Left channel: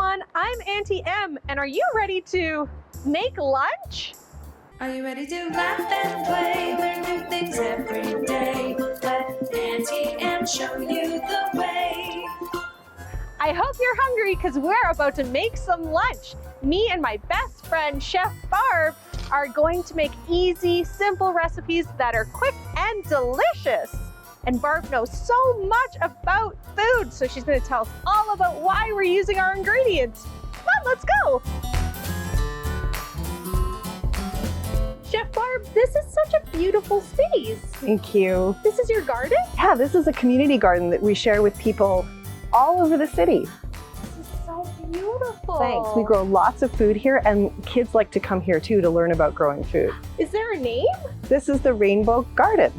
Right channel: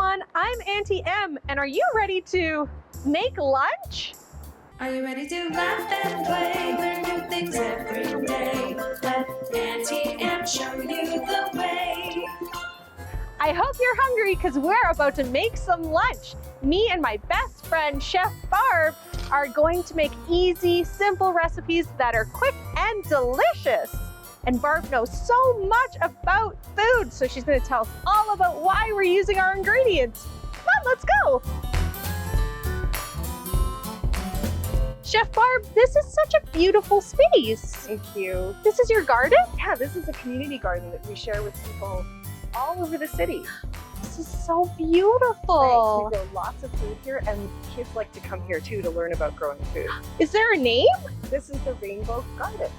everyone, I'm Auntie M, and are you ready to make lunch? Are you ready to laugh and play? Learn new things every day. Let Auntie M show you the way. I hope you're hungry because we're about to make some lunch. Me and my best friend, Chef Barb, are going to make easy, simple recipes that are quick and delicious. And Barb knows so much about food, so she's going to tell us all about why we're using our ingredients. Come on, let's go. Chef Barb, this is such a beautiful space. Thank you. This is your garden? Yeah, this is a community garden that we share with people all over the city. This is so beautiful. Thanks. We grow lots of food here, and kids like to come here too to learn about growing food. Is there a name? This is the Rainbow Garden.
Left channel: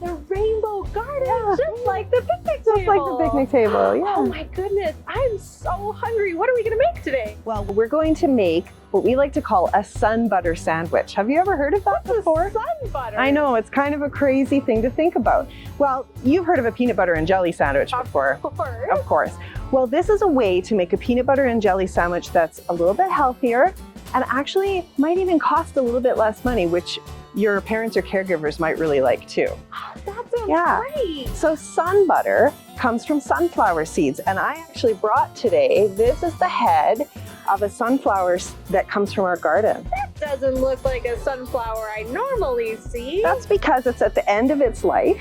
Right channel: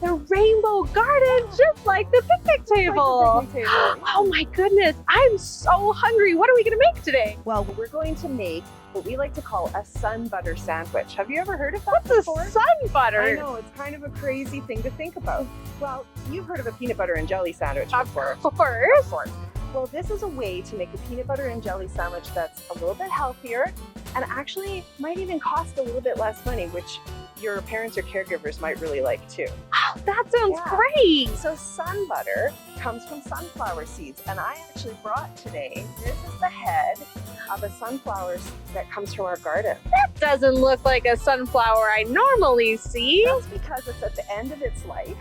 The Rainbow Garden, just like the picnic table. Just like the picnic table, yeah. Oh my goodness, I'm so hungry. What are we gonna make today? Well, we're going to make what we like to call a SunButter sandwich. Have you ever heard of that before? What's a SunButter? I know, it's kind of a crazy thing to think about. Well, you've heard of a peanut butter and jelly sandwich before. Of course. Of course. Well, this is a way to make a peanut butter and jelly sandwich that's a little bit healthier and actually might even cost a little bit less money, which your parents or caregivers might really like too. Oh, that sounds great. So SunButter comes from sunflower seeds, and I actually brought today, this is the head of a sunflower that comes from our garden. That doesn't look like a sunflower I normally see. That's because it's at the end of its life.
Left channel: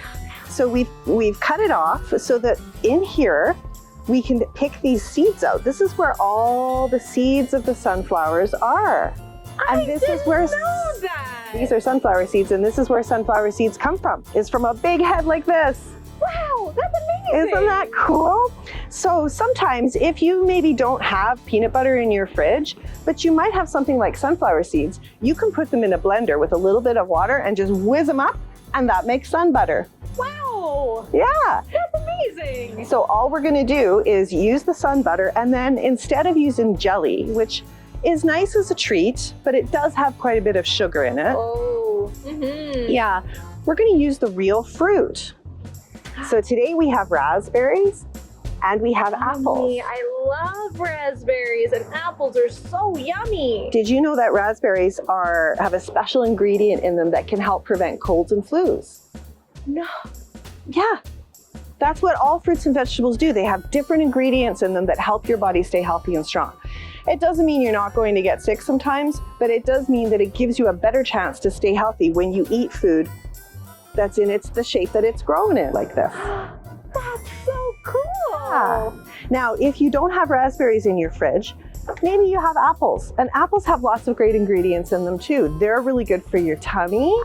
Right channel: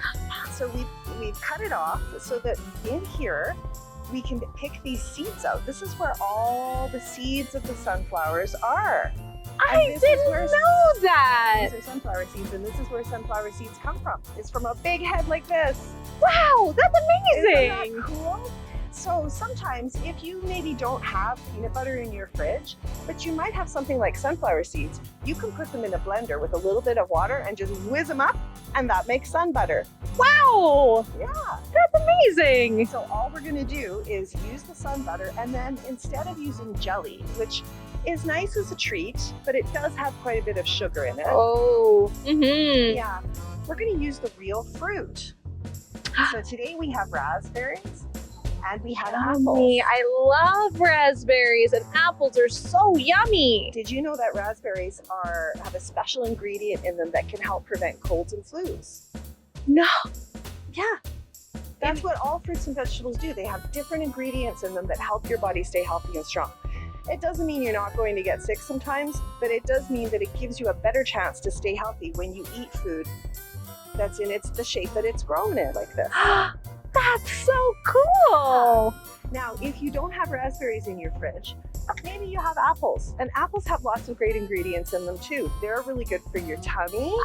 So we've cut it off so that in here we can pick these seeds out. This is where all the seeds of the sunflowers are. I didn't know that. These are sunflower seeds, and this is where sunflower seeds come from. It's from a big head like this. Wow, that's amazing. Isn't that cool? So sometimes if you maybe don't have peanut butter in your fridge, but you might have something like sunflower seeds, you can put them in a blender with a little bit of water and just whiz them up, and that makes SunButter. Wow. Yeah. That's amazing. So all we're gonna do is use the SunButter, and then instead of using jelly, which is nice as a treat, but it does have quite a bit of sugar in it. Oh. Yeah, we're gonna use the real fruit. So today we have raspberries and we have apples. I love raspberries, and apples are so yummy. Did you know that raspberries have a special ingredient in them that can help prevent colds and flus? No. Yeah. That's what all fruits and vegetables do. They have different ingredients in them that help your body stay healthy and strong. It doesn't mean you're not going to get sick sometimes, but it does mean that it gives you a better chance to stay healthy when you eat food that's in the shape that it's grown in, like this. That's so cool. Now, if you don't have raspberries in your fridge, maybe you have apples. And apples have lots of great ingredients in them too. They're really good for your tummy,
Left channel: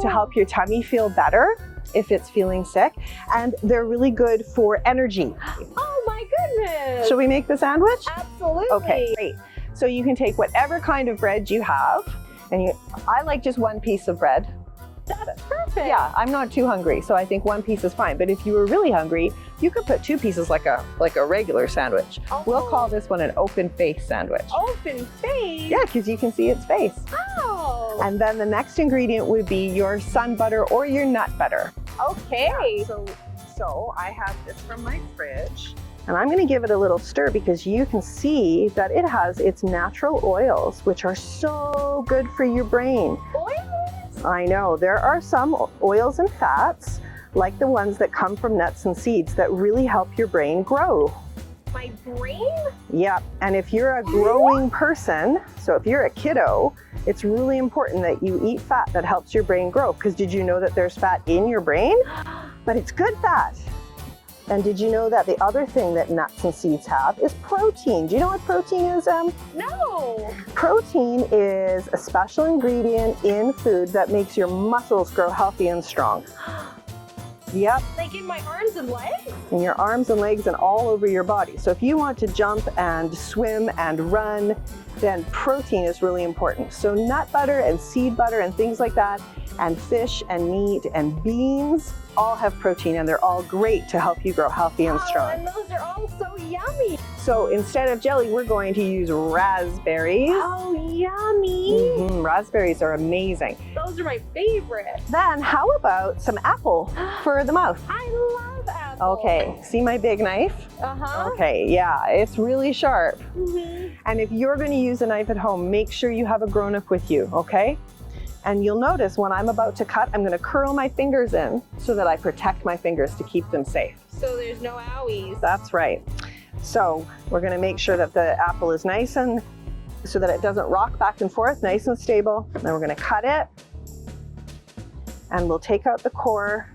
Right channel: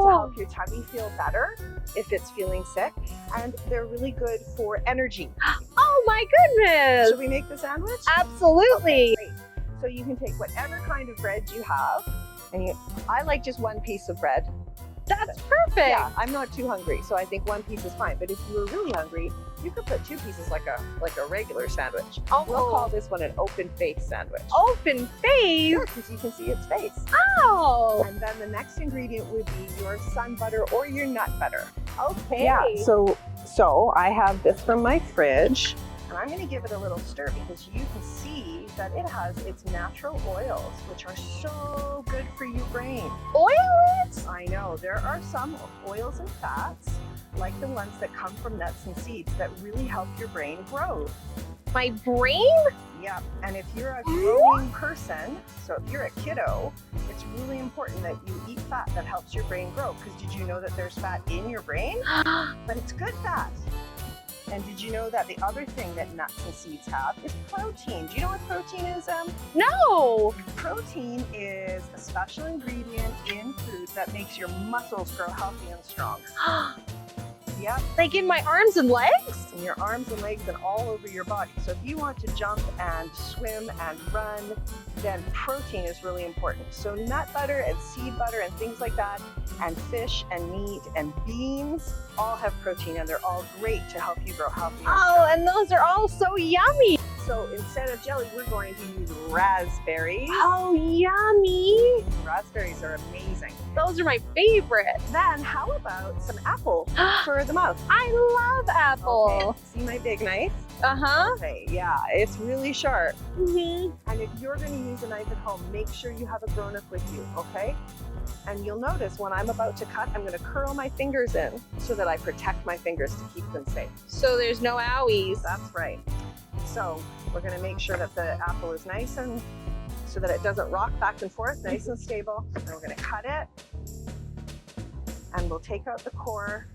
to help your tummy feel better if it's feeling sick. And they're really good for energy. Oh my goodness. Shall we make the sandwich? Absolutely. Okay, great. So you can take whatever kind of bread you have, and I like just one piece of bread. That's perfect. Yeah, I'm not too hungry, so I think one piece is fine. But if you were really hungry, you could put two pieces like a regular sandwich. Oh. We'll call this one an open face sandwich. Open face? Yeah, because you can see its face. Oh. And then the next ingredient would be your SunButter or your nut butter. Okay. Yeah, so I have this from my fridge, and I'm gonna give it a little stir because you can see that it has its natural oils, which are so good for your brain. Oils? I know, there are some oils and fats, like the ones that come from nuts and seeds, that really help your brain grow. My brain? Yeah, and if you're a growing person, so if you're a kiddo, it's really important that you eat fat that helps your brain grow, because did you know that there's fat in your brain? But it's good fat. And did you know that the other thing that nuts and seeds have is protein? Do you know what protein is, Em? No. Protein is a special ingredient in food that makes your muscles grow healthy and strong. Yep. Like in my arms and legs? In your arms and legs and all over your body. So if you want to jump and swim and run, then protein is really important. So nut butter and seed butter and things like that And fish and meat and beans all have protein, and they're all great to help you grow healthy and Oh, strong. and those are all so yummy. So instead of jelly, we're going to use raspberries. Oh, yummy. Raspberries are amazing. Those are my favorite. Then how about some apple for the mouth? I love apple. Okay, see my big knife? Uh-huh. Okay, yeah, it's really sharp. Mhm. And if you're going to use a knife at home, make sure you have a grown-up with you, okay? And you'll notice when I'm about to cut, I'm going to curl my fingers in so that I protect my fingers to keep them safe. So there's no owies. That's right. So we're going to make sure that the apple is nice and so that it doesn't rock back and forth, nice and stable. Then we're going to cut it, and we'll take out the core.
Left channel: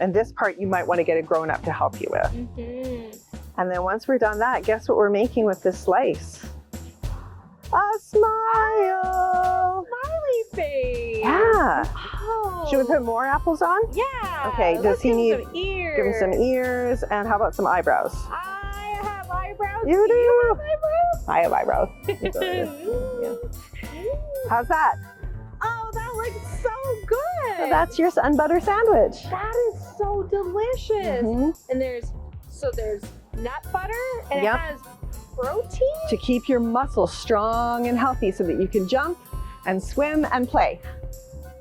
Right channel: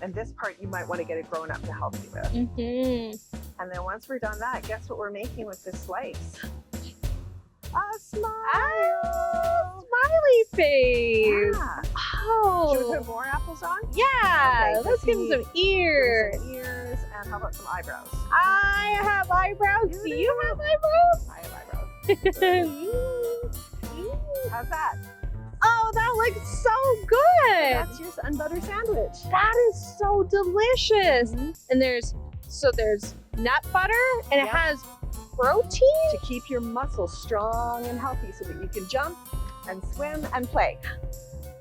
And this part you might want to get a grown-up to help you with. And then once we're done that, guess what we're making with this slice? A smile! Smiley face. Yeah. Oh. Should we put more apples on? Yeah. Okay, does Let's he give him need- some ears? Give him some ears, and how about some eyebrows? I have eyebrows. You Do you have eyebrows? I have eyebrows. How's that? Oh, that looks so good. That's your SunButter sandwich. That is so delicious. Mhm. And there's nut butter, and Yep. it has protein. To keep your muscles strong and healthy so that you can jump and swim and play.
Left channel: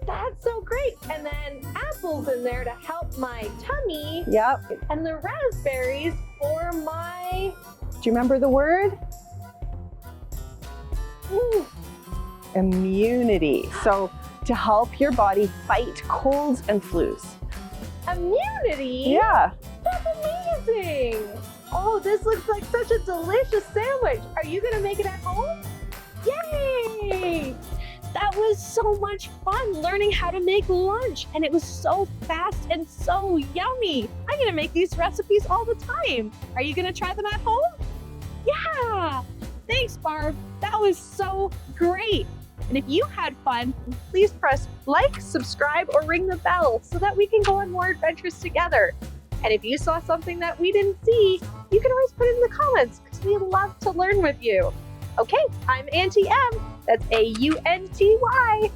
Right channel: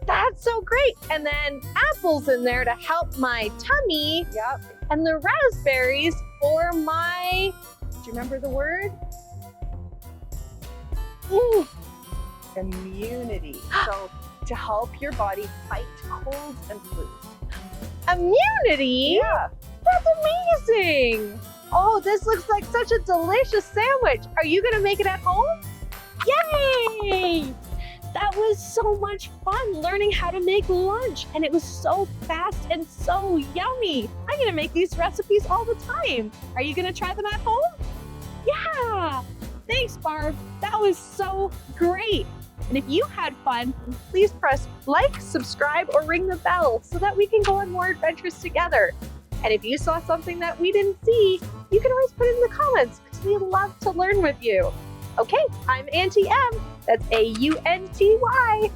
That's so great. And then apples in there to help my tummy, Yep. and the raspberries for my Do you remember the word? Immunity. So to help your body fight colds and flus. immunity. Yeah. That's amazing. Oh, this looks like such a delicious sandwich. Are you gonna make it at home? Yay! That was so much fun learning how to make lunch, and it was so fast and so yummy. I'm gonna make these recipes all the time. Are you gonna try them at home? Yeah! Thanks, Barb. That was so great. And if you had fun, please press like, subscribe, or ring the bell so that we can go on more adventures together. And if you saw something that we didn't see, you can always put it in the comments because we love to learn with you. Okay, I'm Aunty M. That's Aunty. Bye-bye.